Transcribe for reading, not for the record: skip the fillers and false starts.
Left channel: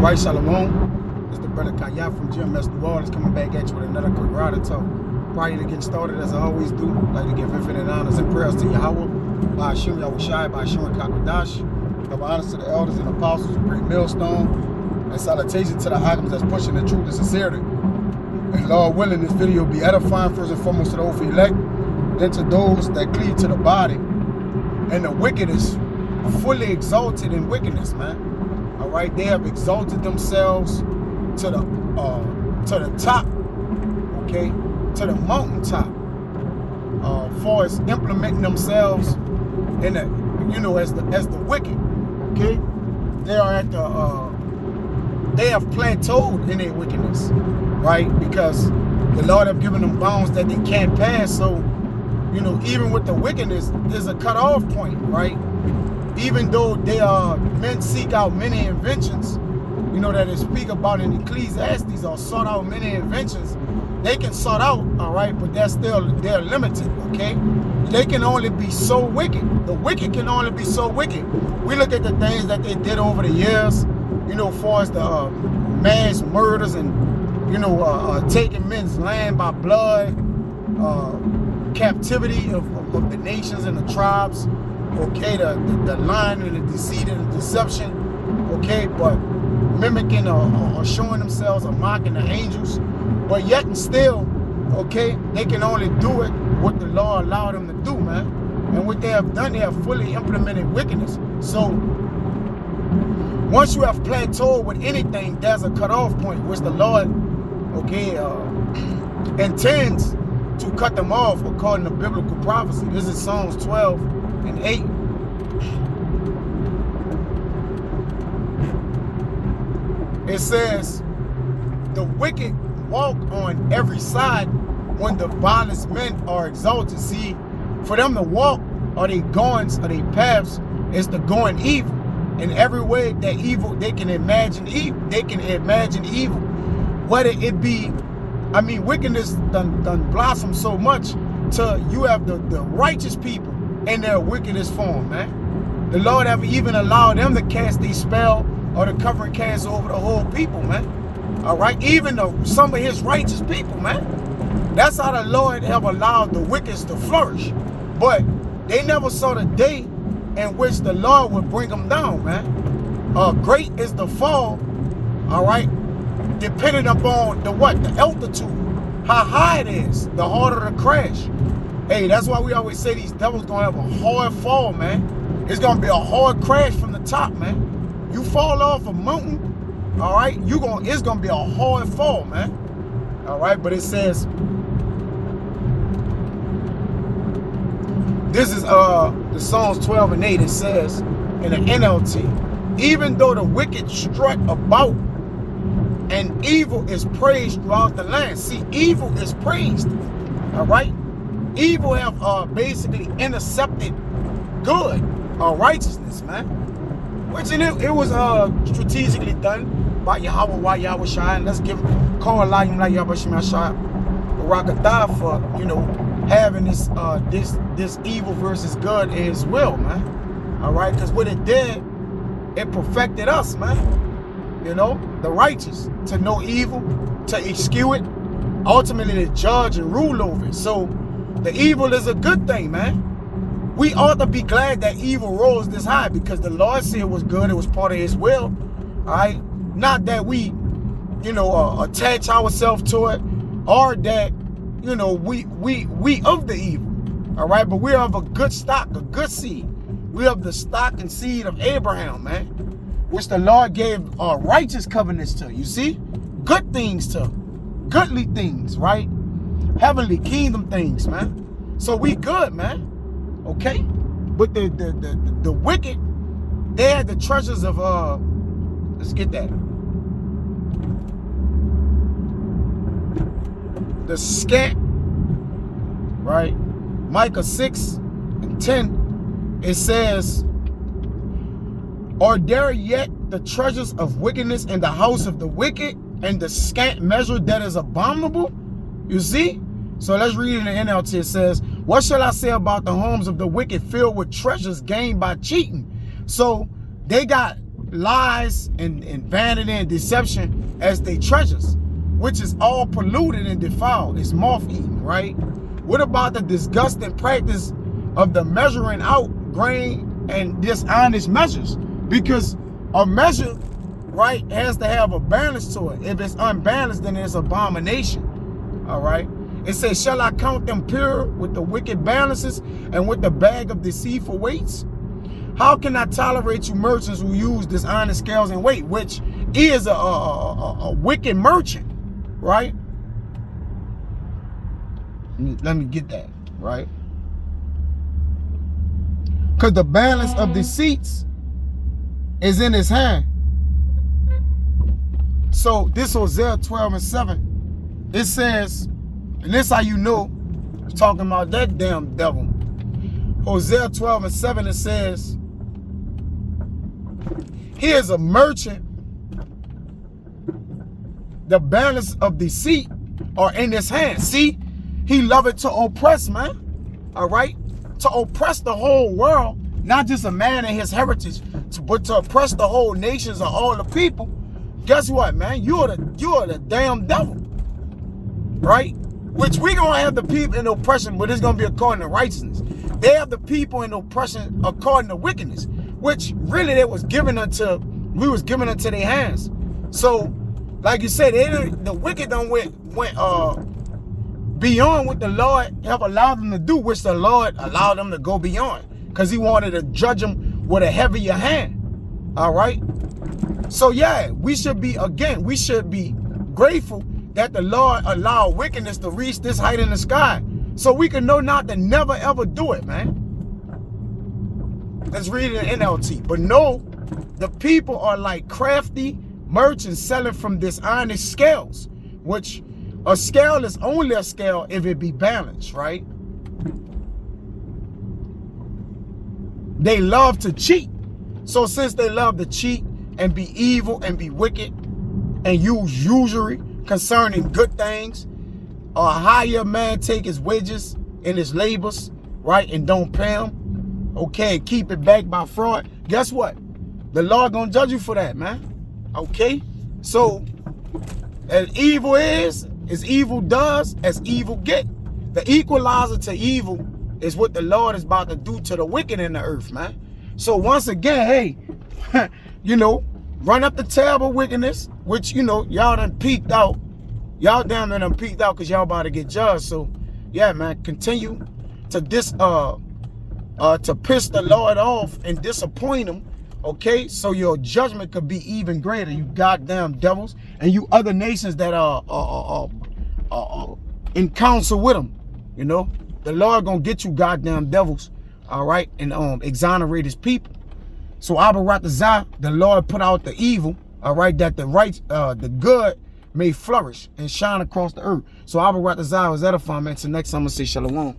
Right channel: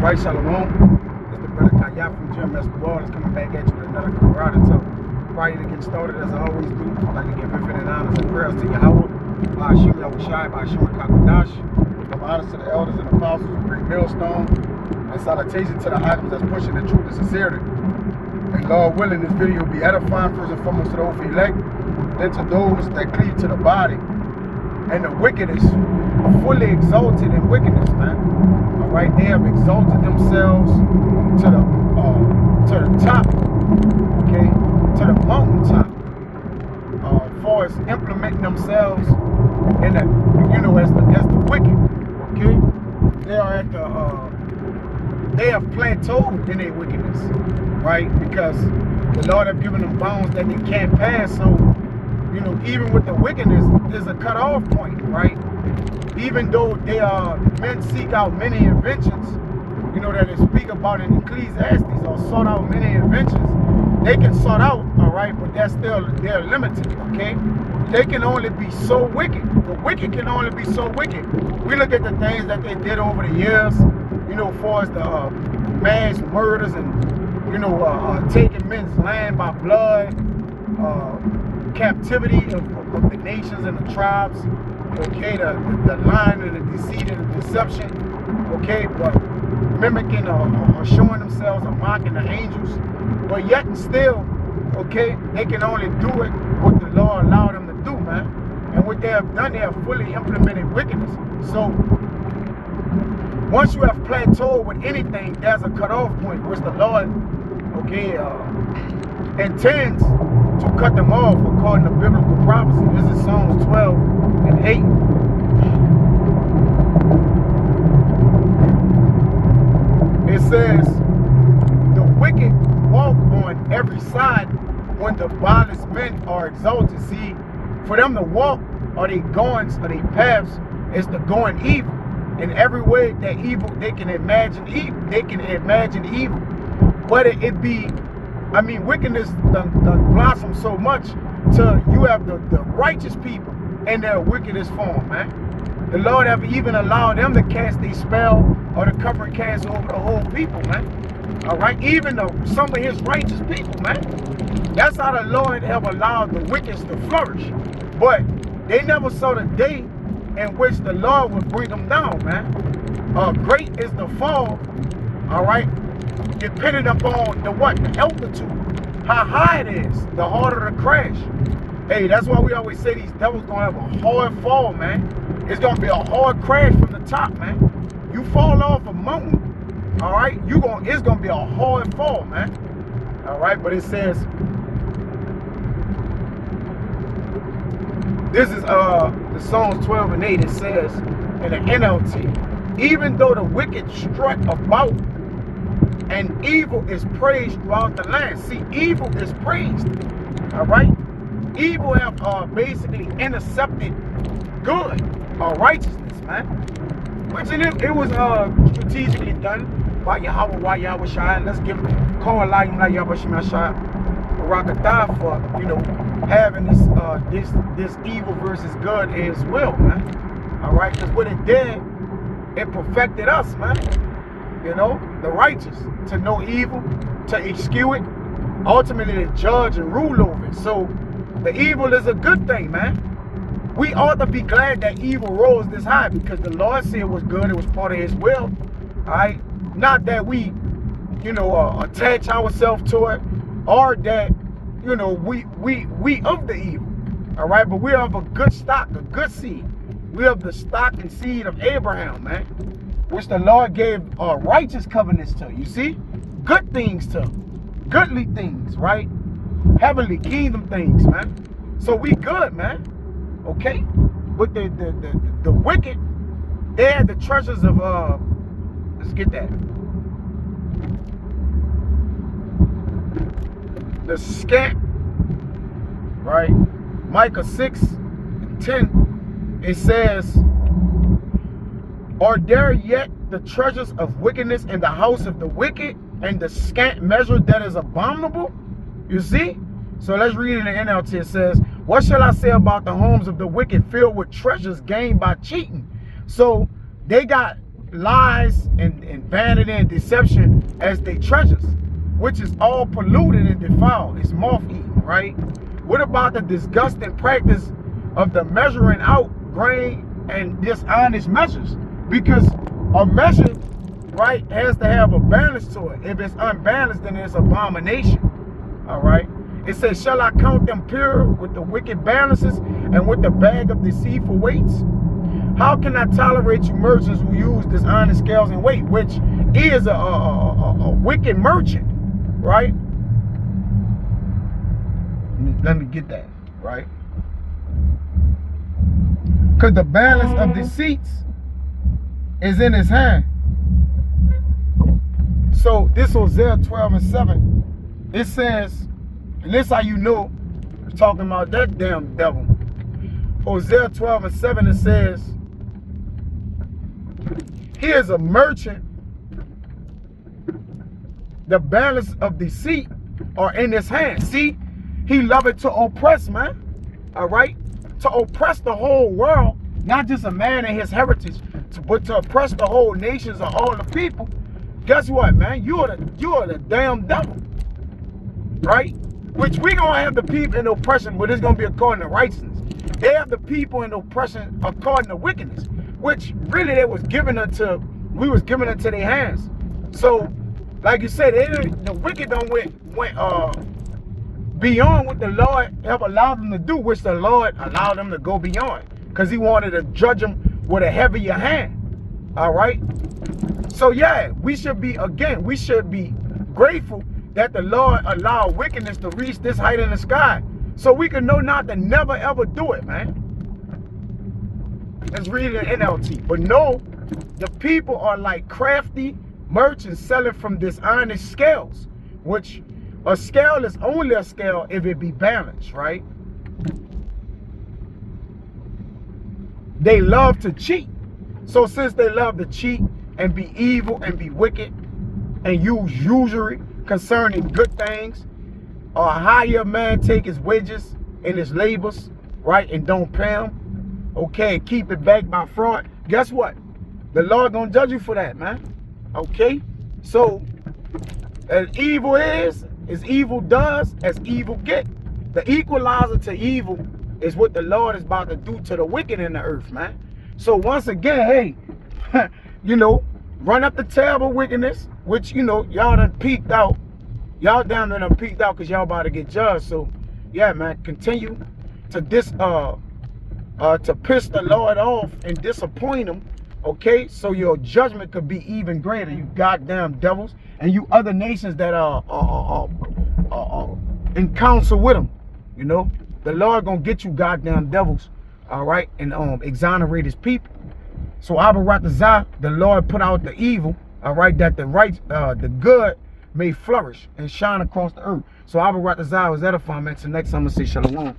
Right, Shalom. It's the brother Kaya from GMS The Wall. Is coming back at you with another karate talk. Prior to getting started, as I always do, I'd like to give infinite honors and prayers to Yahweh, by Hashem Yahushai, by Hashem Kakadash. Give honors to the elders and apostles of Great Millstone, and salutation to the items that's pushing the truth and sincerity. And Lord willing, this video will be edifying first and foremost to the hopeful elect, then to those that cleave to the body. And the wicked is fully exalted in wickedness, man. All right, they have exalted themselves to the top, okay, to the mountaintop. Far as implementing themselves in the, as the wicked, okay. They are at the they have plateaued in their wickedness, right? Because the Lord have given them bounds that they can't pass. So, even with the wickedness, there's a cutoff point, right? Even though men seek out many inventions, that they speak about in Ecclesiastes, or sought out many inventions, they can sort out, all right, but they're limited, okay? They can only be so wicked. The wicked can only be so wicked. We look at the things that they did over the years, as far as the mass murders and, taking men's land by blood, captivity of the nations and the tribes, okay, the lying and the deceit and the deception, okay, but mimicking or showing themselves or mocking the angels, but yet and still, okay, they can only do it what the Lord allowed them to do, man. And what they have done, they have fully implemented wickedness. So once you have plateaued with anything, there's a cutoff point which the Lord, okay, intends to cut them off according to biblical prophecy. This is Psalms 12:8. It says, the wicked walk on every side when the vilest men are exalted. See, for them to walk, or they goings, or they paths, is the going evil. In every way that evil, they can imagine evil. They can imagine evil. Whether it be, wickedness done blossom so much till you have the righteous people in their wickedest form, man. The Lord have even allowed them to cast a spell or the covering cast over the whole people, man. All right, even some of his righteous people, man. That's how the Lord have allowed the wicked to flourish. But they never saw the day in which the Lord would bring them down, man. Great is the fall, all right, depending upon the altitude, how high it is, the harder the crash. Hey, that's why we always say these devils gonna have a hard fall, man. It's gonna be a hard crash from the top, man. You fall off a mountain, all right, it's gonna be a hard fall, man. All right, but it says, this is the Psalms 12:8. It says in the NLT, even though the wicked strut about and evil is praised throughout the land. See, evil is praised, all right? Evil have basically intercepted good, righteousness, man. Which it was strategically done by Yahweh, Yahushai. Let's call Elohim like Yahweh Shemashai Barakadah for, having this evil versus good in his will, man. All right, because what it did, it perfected us, man. The righteous, to know evil, to eschew it, ultimately to judge and rule over it. So the evil is a good thing, man. We ought to be glad that evil rose this high, because the Lord said it was good, it was part of his will, all right? Not that we, attach ourselves to it, or that, we of the evil, all right? But we have a good stock, a good seed. We have the stock and seed of Abraham, man, which the Lord gave righteous covenants to. You see? Good things to. Goodly things, right? Heavenly kingdom things, man. So we good, man. Okay? But the wicked, they had the treasures of let's get that. The scant, right? Micah 6:10, it says, are there yet the treasures of wickedness in the house of the wicked, and the scant measure that is abominable? You see? So let's read in the NLT. It says, what shall I say about the homes of the wicked filled with treasures gained by cheating? So they got lies and vanity and deception as they treasures, which is all polluted and defiled. It's moth-eaten, right? What about the disgusting practice of the measuring out grain and dishonest measures? Because a measure, right, has to have a balance to it. If it's unbalanced, then it's abomination. All right. It says, shall I count them pure with the wicked balances and with the bag of deceitful weights? How can I tolerate you merchants who use dishonest scales and weight, which is a wicked merchant, right? Let me get that, right? Because the balance of deceits is in his hand. So this Hosea 12:7, it says, and this how you know, it's talking about that damn devil. Hosea 12:7, it says, he is a merchant. The balance of deceit are in his hand. See, he loveth to oppress, man. All right? To oppress the whole world, not just a man and his heritage, but to oppress the whole nations of all the people. Guess what, man? You are the damn devil. Right? Which we gonna have the people in oppression, but it's gonna be according to righteousness. They have the people in oppression according to wickedness, which really we was given unto their hands. So, like you said, the wicked done went beyond what the Lord have allowed them to do, which the Lord allowed them to go beyond, because he wanted to judge them with a heavier hand. All right. So yeah, we should be grateful that the Lord allowed wickedness to reach this height in the sky, so we can know not to never ever do it, man. Let's read it in NLT. But no, the people are like crafty merchants selling from dishonest scales, which a scale is only a scale if it be balanced, right? They love to cheat. So since they love to cheat and be evil and be wicked and use usury concerning good things, or hire a man take his wages and his labors, right, and don't pay him, okay, keep it back by fraud, guess what? The Lord gonna judge you for that, man. Okay? So, as evil is, as evil does, as evil get. The equalizer to evil is what the Lord is about to do to the wicked in the earth, man. So once again, hey, you know, run up the tab of wickedness, which, you know, y'all done peaked out. Y'all down there done peaked out because y'all about to get judged. So, yeah, man, continue to to piss the Lord off and disappoint him, okay? So your judgment could be even greater, you goddamn devils, and you other nations that are in counsel with him, you know? The Lord gonna get you goddamn devils, all right, and exonerate his people. So Abba Ratazah, the Lord put out the evil, all right, that the good may flourish and shine across the earth. So Abba Ratazah was edifying, man. So next time I'm gonna say shalom.